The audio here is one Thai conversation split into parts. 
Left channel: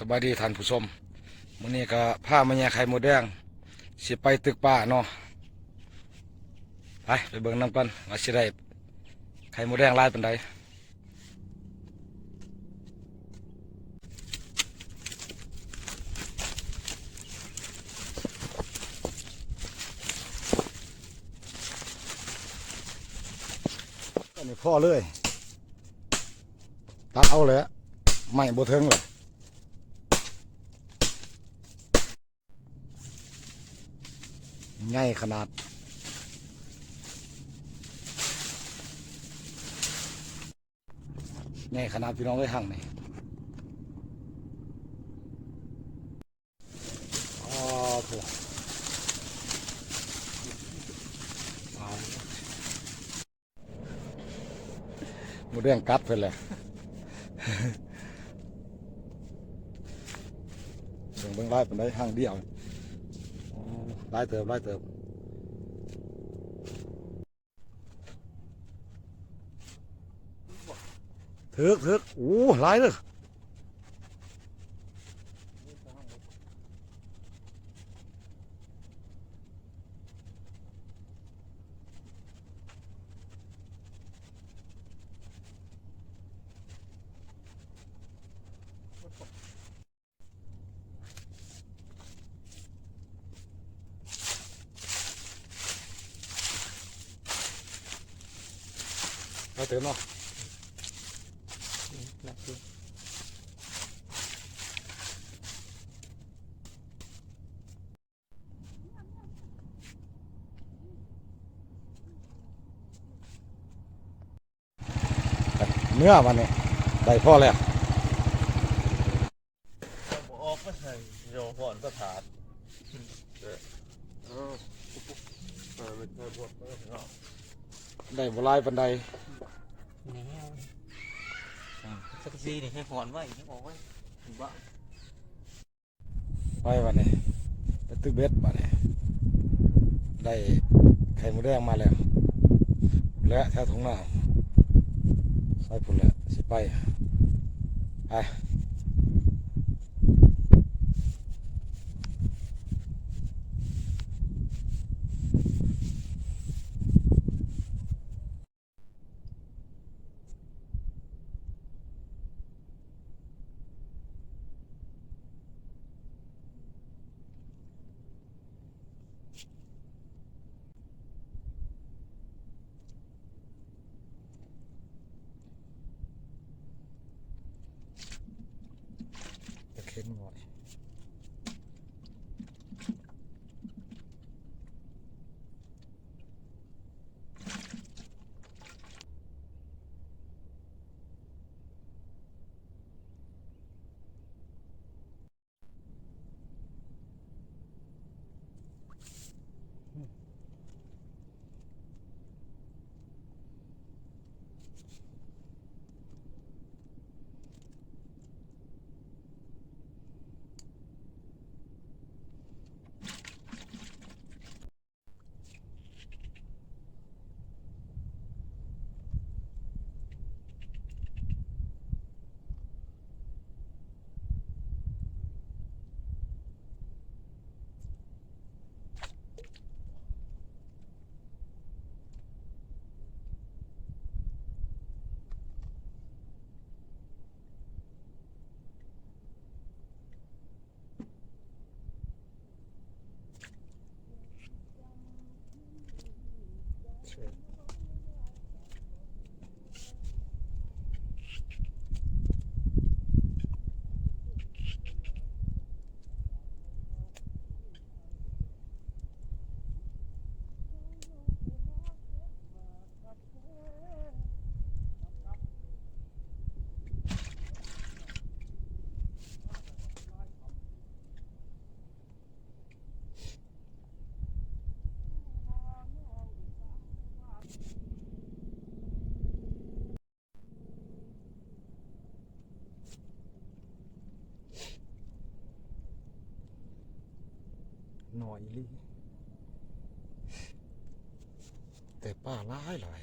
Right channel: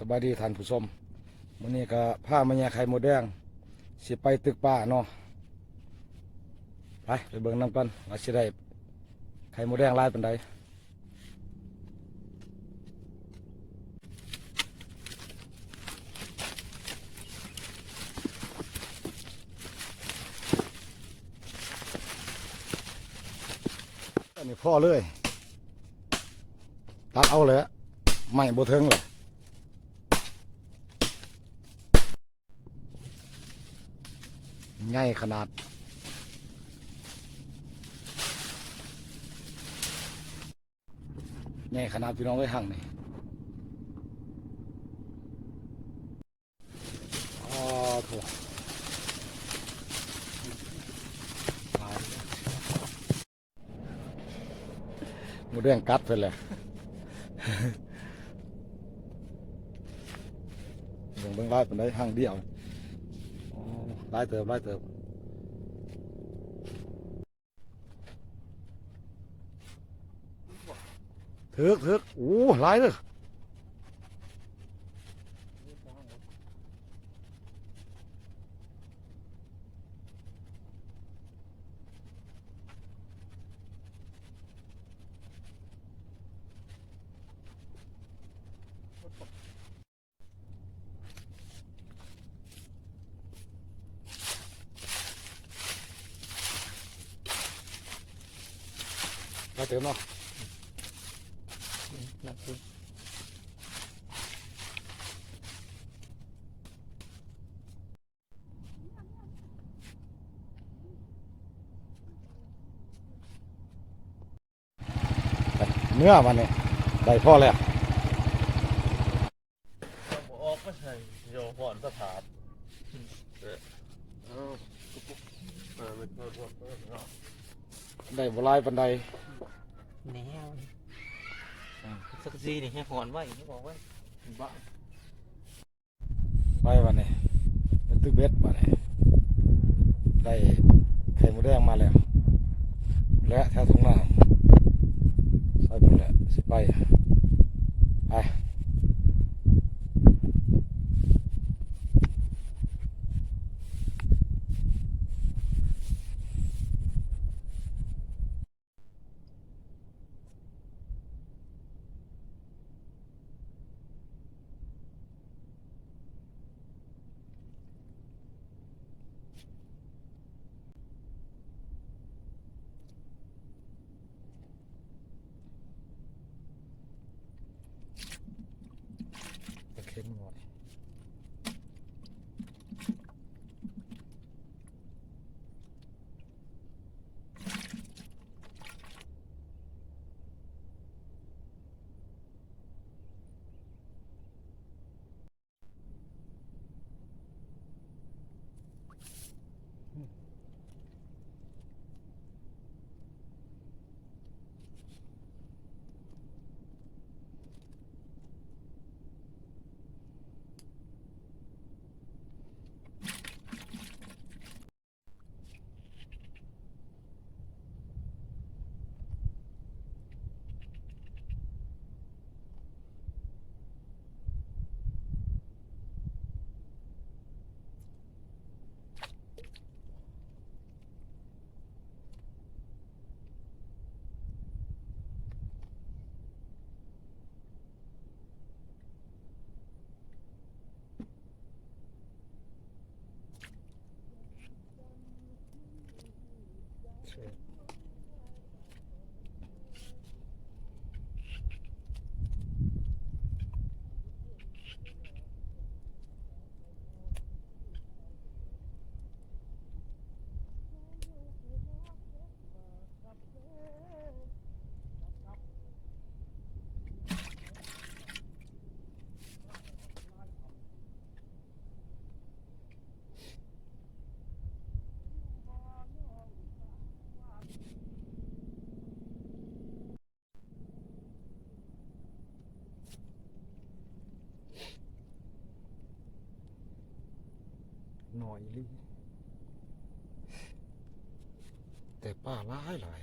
สบายดีท่านผู้ชมมื้อนี้ก็พามาแย่ไข่มดแดงสิไปตึกป่าเนาะไปเบิ่งนำกันว่าสิได้ไข่มดแดงหลายปานใดอันนี้พ่อเลยตัดเอาเลยไม่บ่ถึงเลยใหญ่ขนาดใหญ่ขนาดพี่น้องไว้หั่งนี่อ๋อโถหมูแดงกัดไปเลยเบิ่งไล่เป็นได้หั่งเดียวอ๋อไล่เติบถึกโอ้หลายเลยหลายเติบเนาะเนื้อมันนี่ได้พอแล้วออกไม่ใช่โยก่อนสถานไม่โทษเนาะได้บ่หลายปานใดแนวสักซีนี่ให้หอนไว้ให้บอกไว้บ้าไปวันนี้ไปตึกเบ็ดมาเนี่ยได้ไข่มดแดงมาแล้วและแถวทุ่งนาไปเพื่อสิไปไปเข็นหน่อยหน่อยลิแต่ป้าหลาย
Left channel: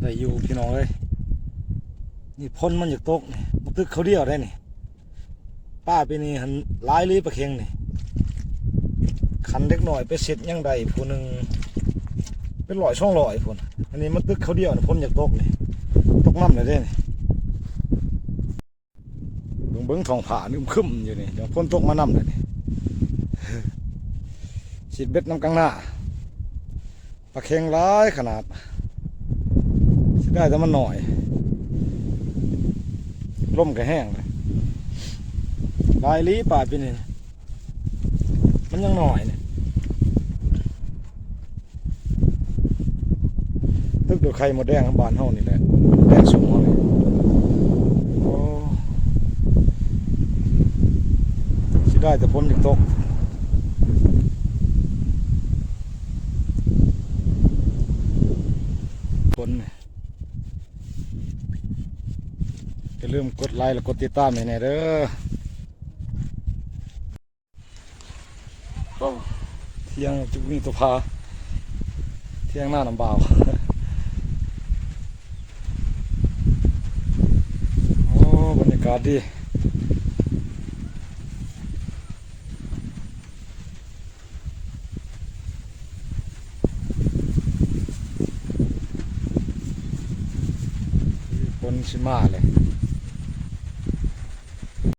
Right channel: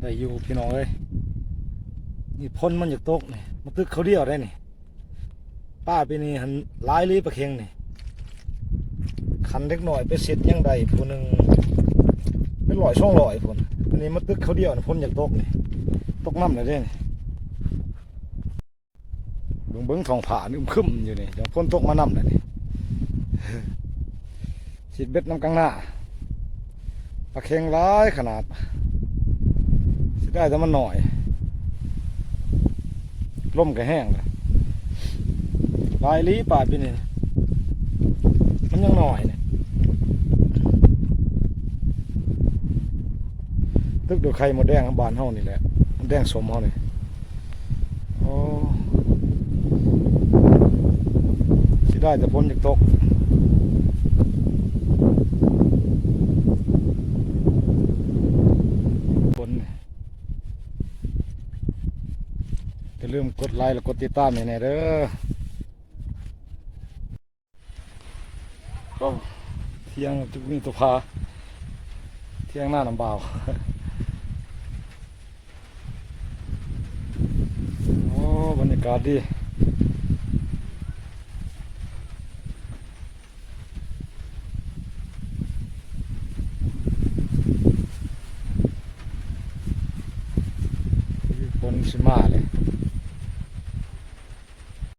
ได้อยู่พี่น้องเอ้ยนี่พ้นมันอยากตกนี่มันตึกเขาเดียวได้นี่ป้าไปนี่หันหลายลีปลาเค็งนี่คันเล็กหน่อยไปเสร็จยังได้ผู้หนึ่งเป็น100-200พุ่นอันนี้มันตึกเขาเดียวนี่พ้นอยากตกนี่ตกน้ำเลยเด้นี่เบิ้งท้องผานึมคึมอยู่นี่เดี๋ยวพ้นตกมาน้ำเลยนี่ สิเบ็ดน้ำกลางหน้าปลาเค็งร้ายขนาดสิได้แต่มันหน่อยล่มก็แห้งเลยลายลีป่าปีนี่มันยังหน่อยเนี่ยตึกดูไข่หมดแดงบานเฮานี่แหละแดงสมเฮาเลยโอ้สิได้แต่พ้นจากตกอย่าลืมกดไลค์และกดติดตามให้แน่เด้อโอ้เที่ยงจุกนี่ตัวพาเที่ยงหน้าน้ำเบาโอ้บรรยากาศดีฝนสิมาเลย